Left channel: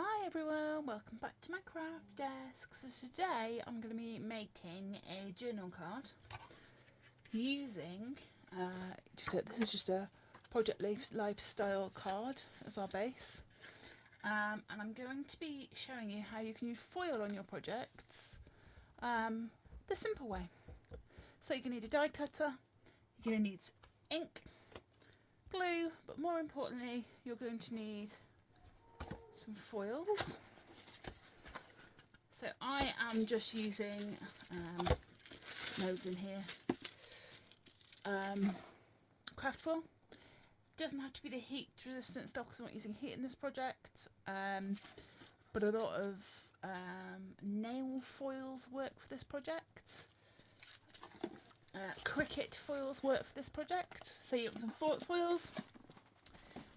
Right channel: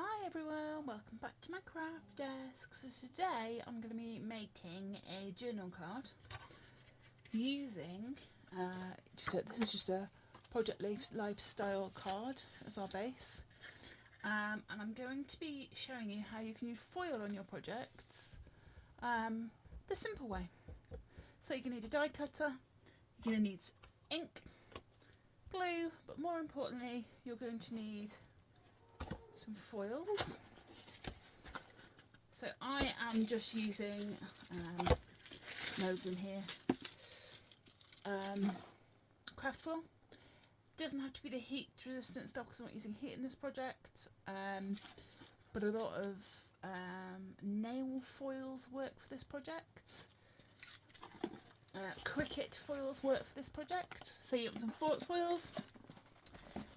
Hi everyone, welcome back to my craft desk. So today I'm going to be making a journal card using, this is just a Project Lifestyle card as our base. And I'm going to be showing you how you can use foil on your projects the simple way. So you're going to need a die cutter, you're going to need ink, glue, but more importantly you're going to need some foils. So I am just using loads in here. Craft foil. Doesn't have to be the heat resistant stuff because I'm not using heat in this project. But a lot of nail foils work for this project. Cricket foils work for this project. So you want some foils.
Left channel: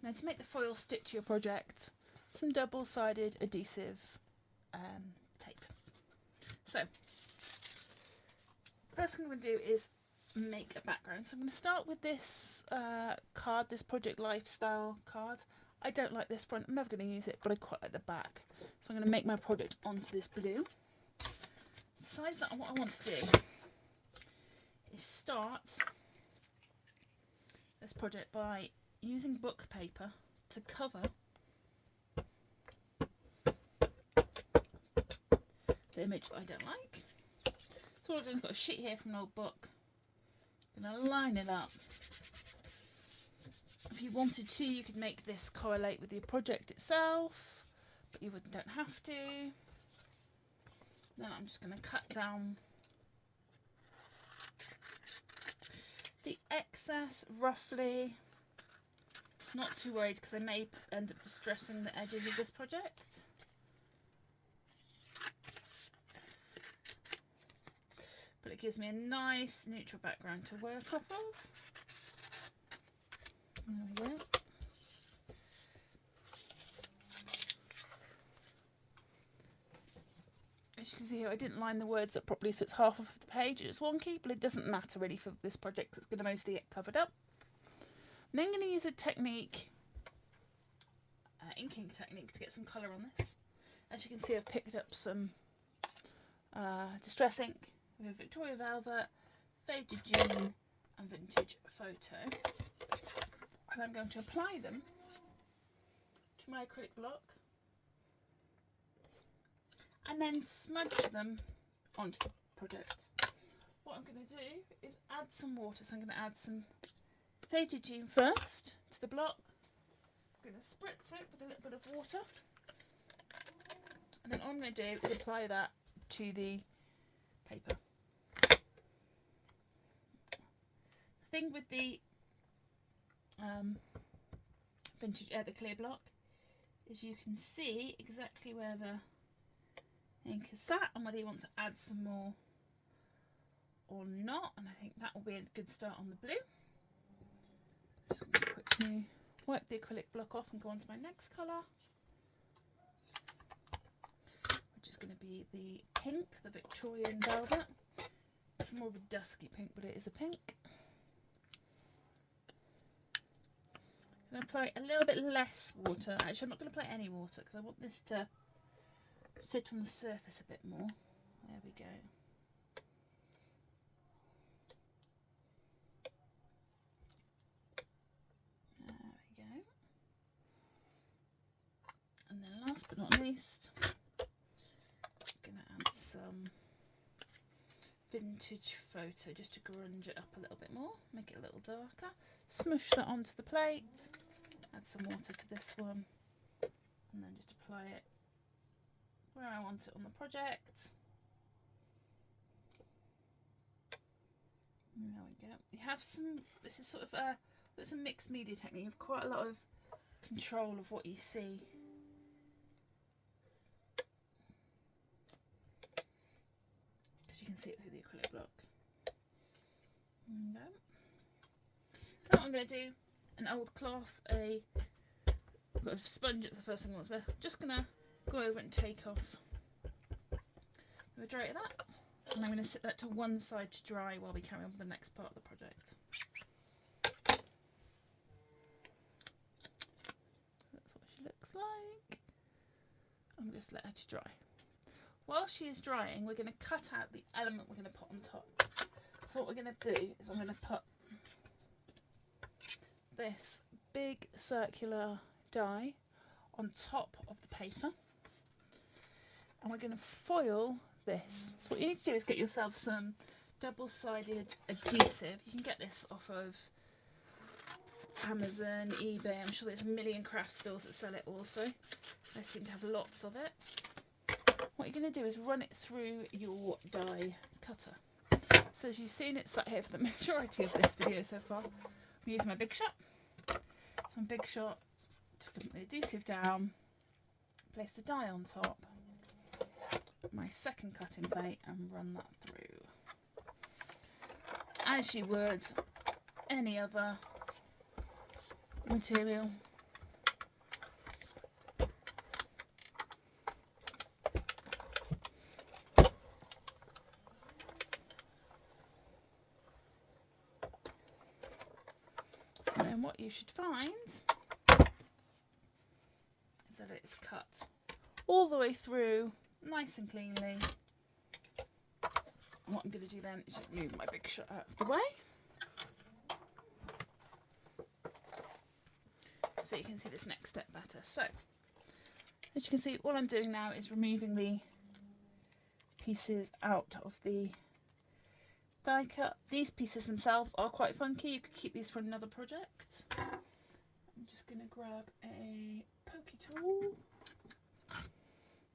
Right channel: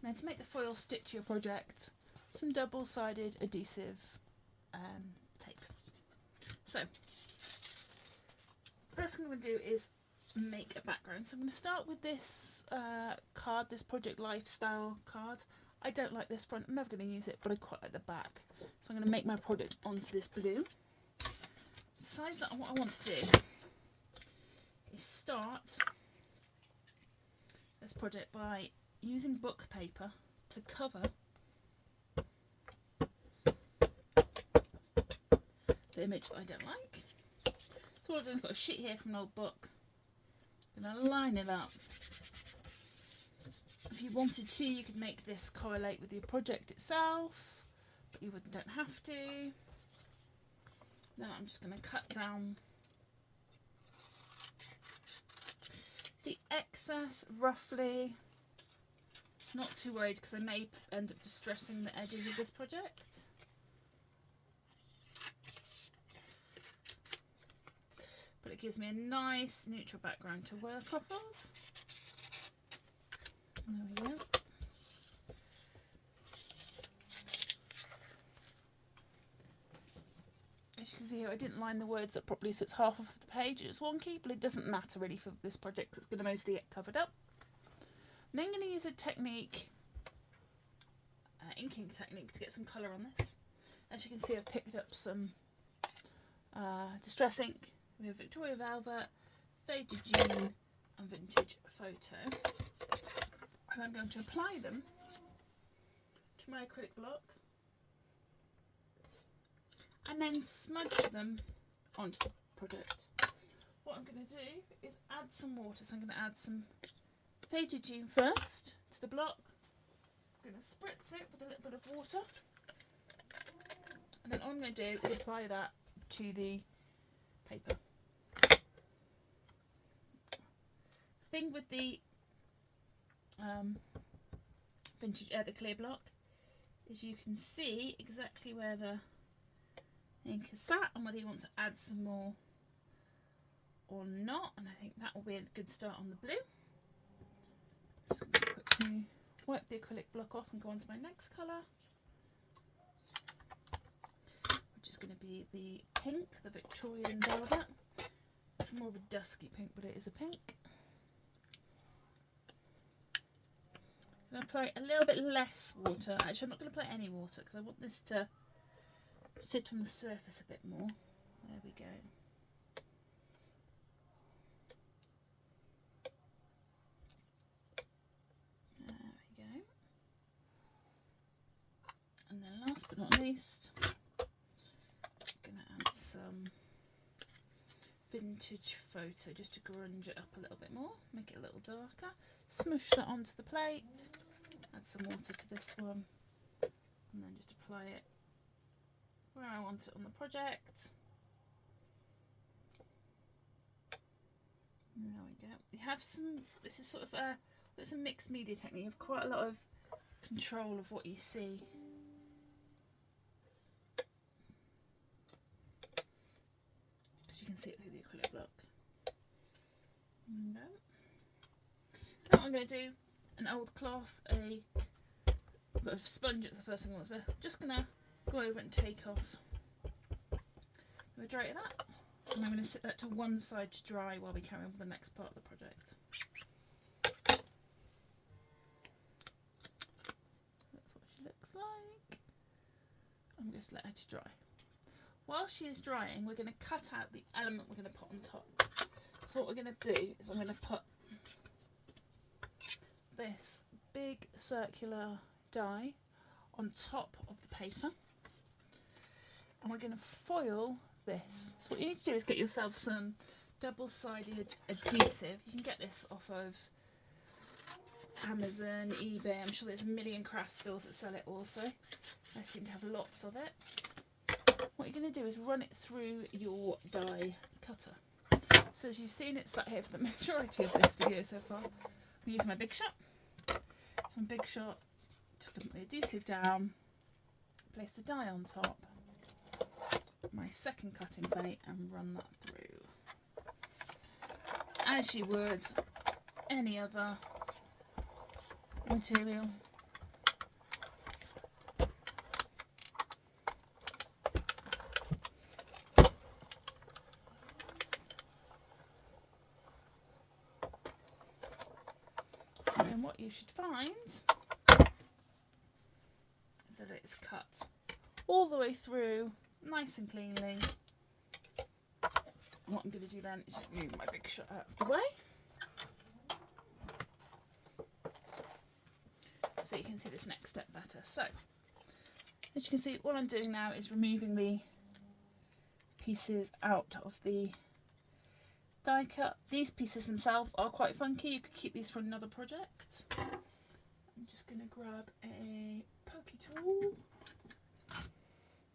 Now to make the foil stick to your project, some double-sided adhesive tape. So the first thing I'm going to do is make a background. So I'm going to start with this card, this Project Lifestyle card. I don't like this front, I'm never going to use it, but I quite like the back. So I'm going to make my project onto this blue. Decide that what I want to do is start this project by using book paper to cover the image that I don't like. So all I've done is got a sheet here from an old book. I'm going to line it up. If you wanted to, you could make this correlate with your project itself, but you don't have to. Then I'm just going to cut down the excess roughly. Not too worried because I may end up distressing the edges of this project. But it gives me a nice neutral background to work off of. There we go. As you can see here, I didn't line the words up properly, so it's half of the page. It's wonky, but it doesn't matter really for this project. It's going to mostly get covered up. I'm then going to use a technique, inking technique, to get some colour on this. As you can see, I've picked up some distress ink with Victoria Velvet, Faded June and Vintage Photo. And I'm going to apply them to my acrylic block and then smudge them onto the project. What I'm going to do is add some water. So I'm going to add some Faded June first to the block. I'm going to spritz it with a little bit of water. And then all I'm going to do is apply that to the paper. The thing with the vintage, the clear block, is you can see exactly where the ink is sat and whether you want to add some more or not. And I think that will be a good start on the blue. Just going to quickly wipe the acrylic block off and go on to my next colour, which is going to be the pink, the Victorian Velvet. It's more of a dusky pink, but it is a pink. I'm going to apply a little bit less water. Actually, I'm not going to apply any water because I want this to sit on the surface a bit more. There we go. There we go. And then last but not least, I'm going to add some Vintage Photo just to grunge it up a little bit more, make it a little darker. Smush that onto the plate, add some water to this one, and then just apply it where I want it on the project. There we go. We have some, this is sort of it's a mixed media technique. You have quite a lot of control of what you see. Because you can see it through the acrylic block. There we go. Now what I'm going to do, an old cloth, a sponge, it's the first thing I want to do. Just going to go over and take off the majority of that. And I'm going to sit that to one side to dry while we carry on with the next part of the project. That's what she looks like. just let her to dry. While she is drying, we're going to cut out the element we're going to put on top. So what we're going to do is I'm going to put this big circular die on top of the paper, and we're going to foil this. So what you need to do is get yourself some double-sided adhesive. You can get this off of Amazon, eBay. I'm sure there's a million craft stores that sell it also. They seem to have lots of it. What you're going to do is run it through your die cutter. So as you've seen, it's sat here for the majority of this video so far. I'm using my Big Shot. Some Big Shot, just put the adhesive down, place the die on top, my second cutting plate, and run that through. As you would any other material. And then what you should find is that it's cut all the way through nice and cleanly. And what I'm going to do then is just move my Big Shot out of the way so you can see this next step better. So as you can see, all I'm doing now is removing the pieces out of the die cut. These pieces themselves are quite funky. You could keep these for another project. I'm just going to grab a pokey tool.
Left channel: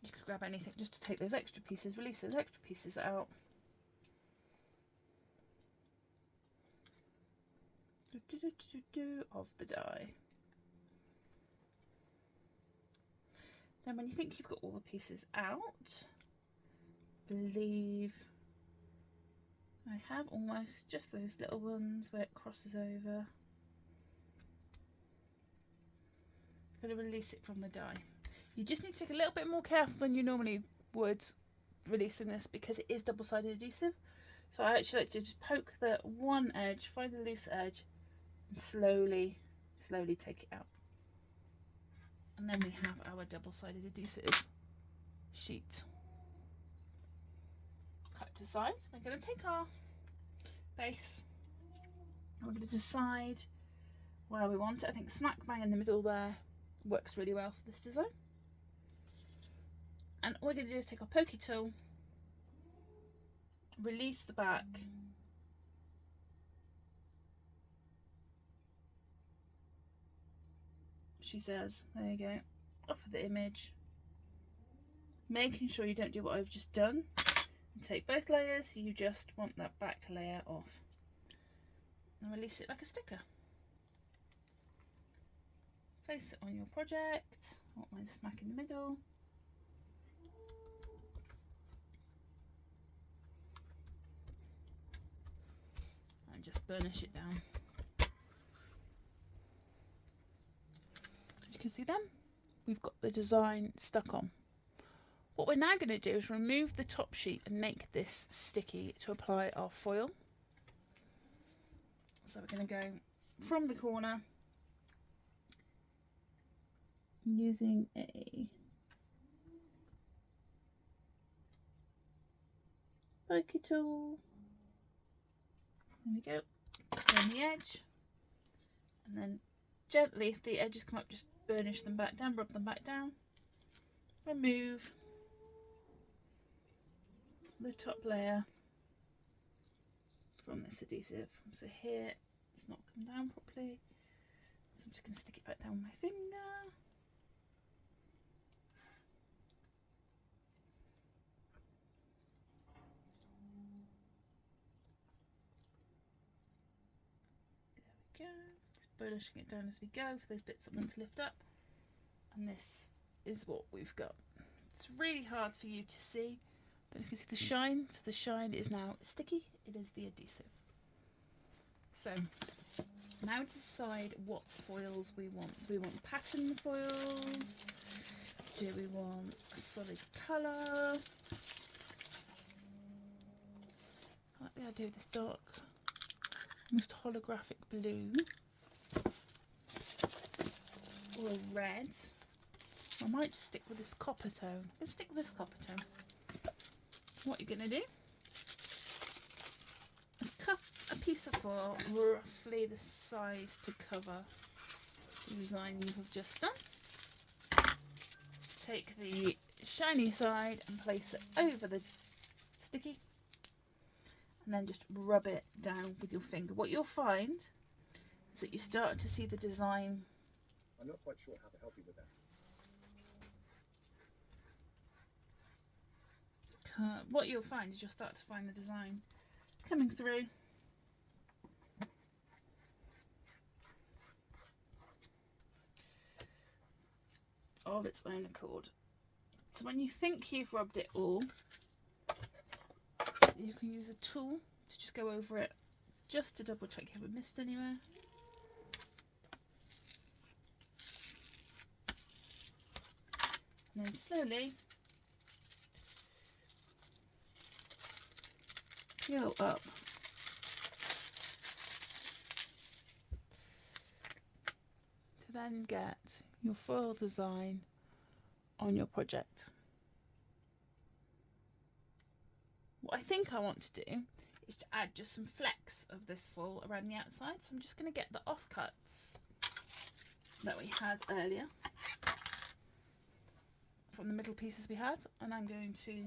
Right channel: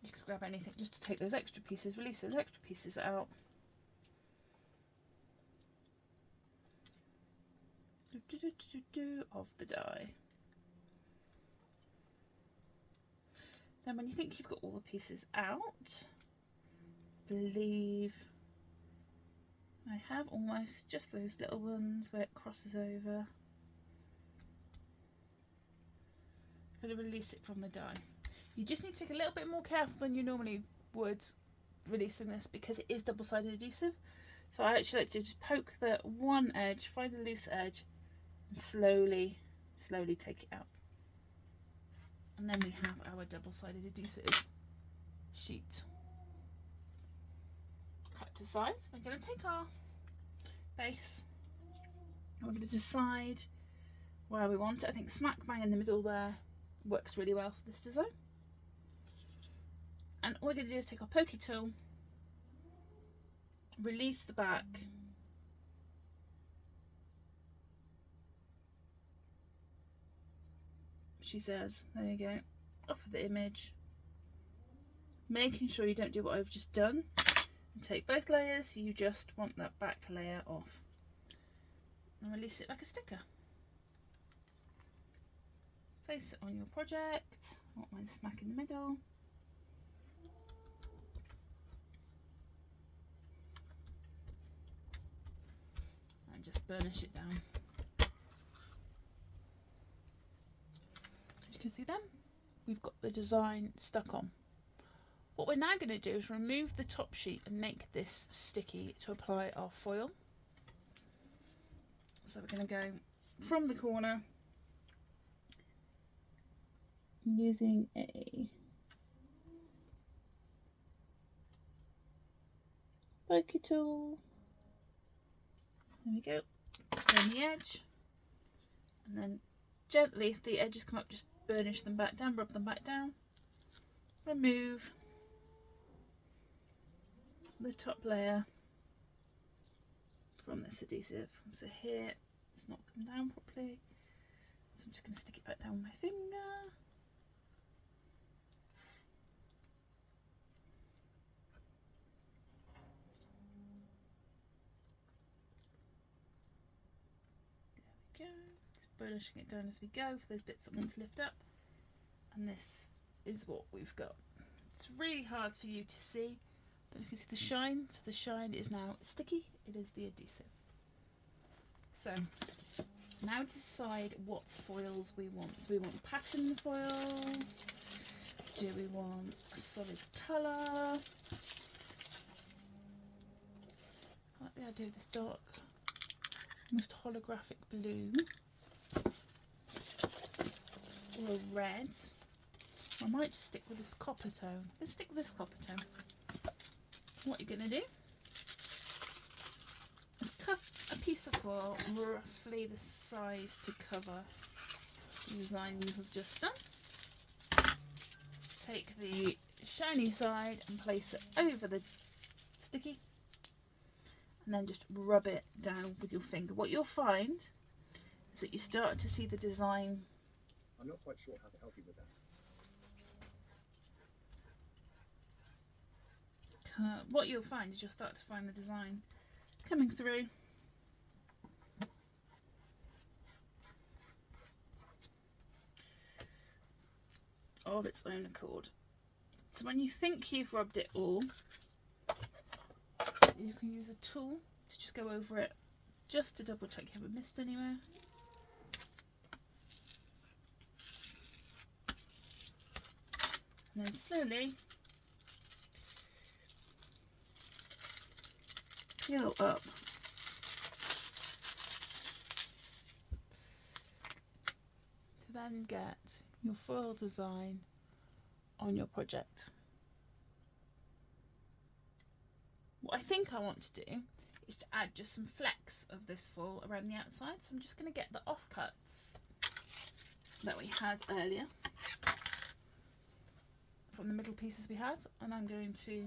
You could grab anything just to take those extra pieces, release those extra pieces out. Of the die. Then when you think you've got all the pieces out, I believe I have almost just those little ones where it crosses over. I'm going to release it from the die. You just need to take a little bit more careful than you normally would releasing this because it is double-sided adhesive. So I actually like to just poke the one edge, find the loose edge, and slowly take it out. And then we have our double-sided adhesive sheet. Cut to size. We're going to take our base and we're going to decide where we want it. I think smack bang in the middle there works really well for this design. And all we're going to do is take our pokey tool, release the back, she says, there you go, off of the image, making sure you don't do what I've just done and take both layers. You just want that back layer off and release it like a sticker. Place it on your project. I want mine smack in the middle. And just burnish it down. As you can see then, we've got the design stuck on. What we're now going to do is remove the top sheet and make this sticky to apply our foil. So we're going to go from the corner using a pokey tool. There we go. On the edge, and then gently, if the edges come up, just burnish them back down, rub them back down. Remove the top layer from this adhesive. So here it's not come down properly, so I'm just going to stick it back down with my finger. There we go. Just burnishing it down as we go for those bits that want to lift up. And this is what we've got. It's really hard for you to see, but you can see the shine. So the shine is now sticky. It is the adhesive. So now to decide what foils we want. Do we want pattern foils? Do we want a solid colour? I like the idea of this dark, almost holographic blue. Or a red. I might just stick with this copper tone. Let's stick with this copper tone. What you're going to do is cut a piece of foil roughly the size to cover the design you have just done. Take the shiny side and place it over the sticky, and then just rub it down with your finger. What you'll find is that you start to see the design. I'm not quite sure how to help you with that. What you'll find is you'll start to find the design coming through. Of its own accord. So when you think you've rubbed it all, you can use a tool to just go over it, just to double check you haven't missed anywhere. And then slowly peel up to then get your foil design on your project. What I think I want to do is to add just some flecks of this foil around the outside. So I'm just going to get the offcuts that we had earlier from the middle pieces we had, and I'm going to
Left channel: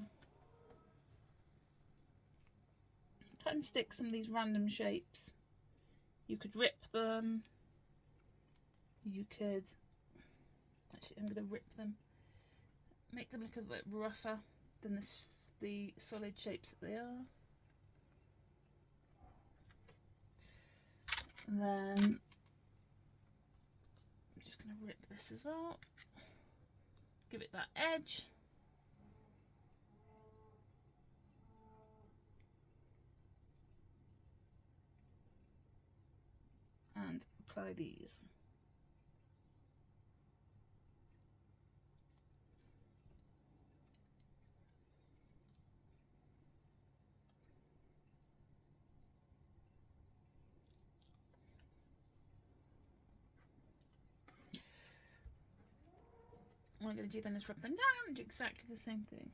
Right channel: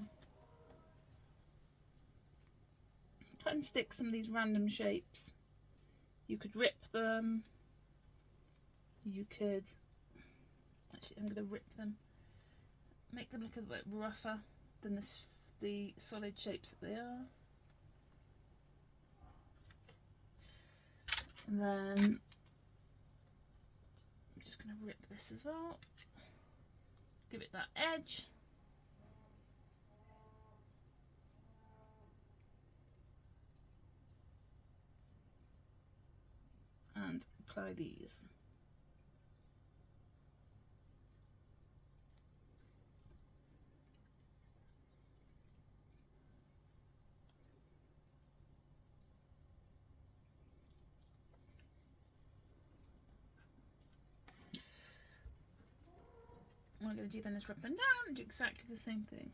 cut and stick some of these random shapes. You could rip them, you could, actually I'm going to rip them, make them look a bit rougher than the solid shapes that they are. And then I'm just going to rip this as well, give it that edge. And apply these. What I'm going to do then is rub them down and do exactly the same thing.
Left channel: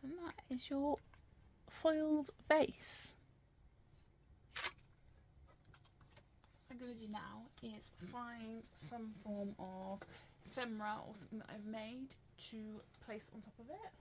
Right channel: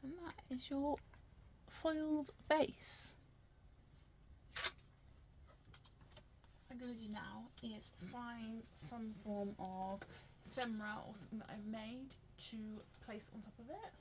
And that is your foiled base. What I'm going to do now is find some form of ephemera or something that I've made to place on top of it.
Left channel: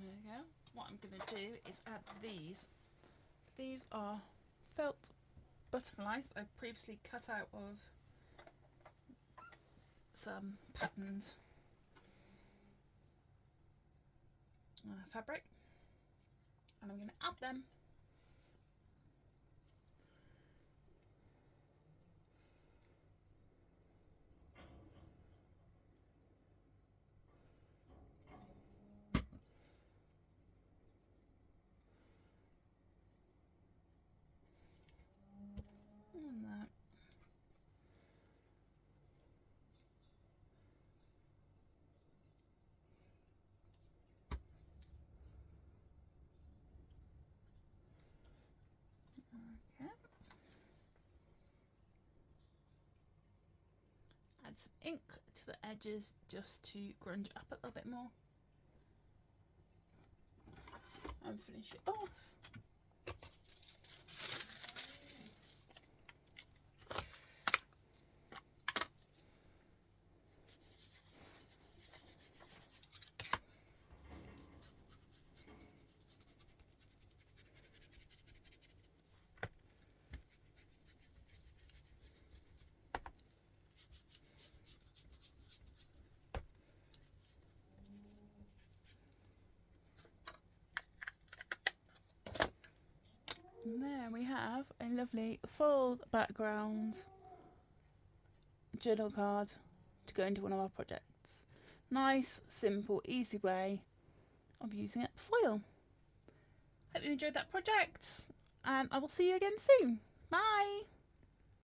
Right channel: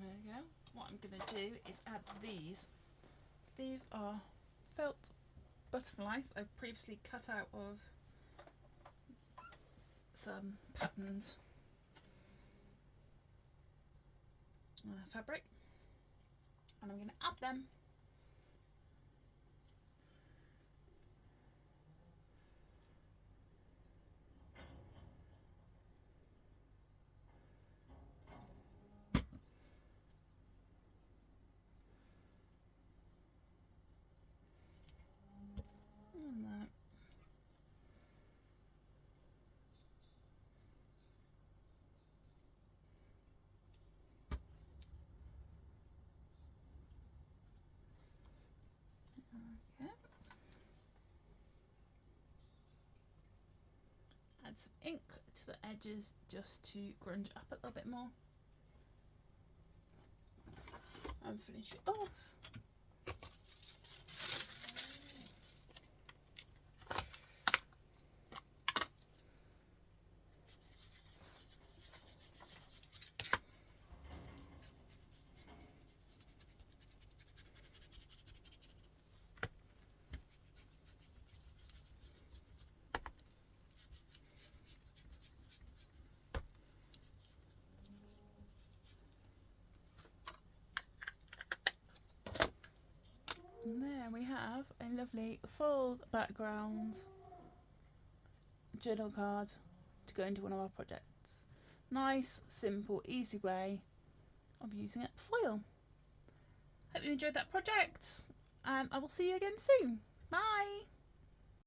There we go. What I'm going to do is add these. These are felt butterflies that I've previously cut out of some patterns fabric, and I'm going to add them on that. Okay. Add some ink to the edges just to grunge up a little bit more, and finish it off. And there we have a lovely full background journal card to go into one of our projects. Nice, simple, easy way of using foil. Hope you enjoyed that project, and I will see you again soon. Bye!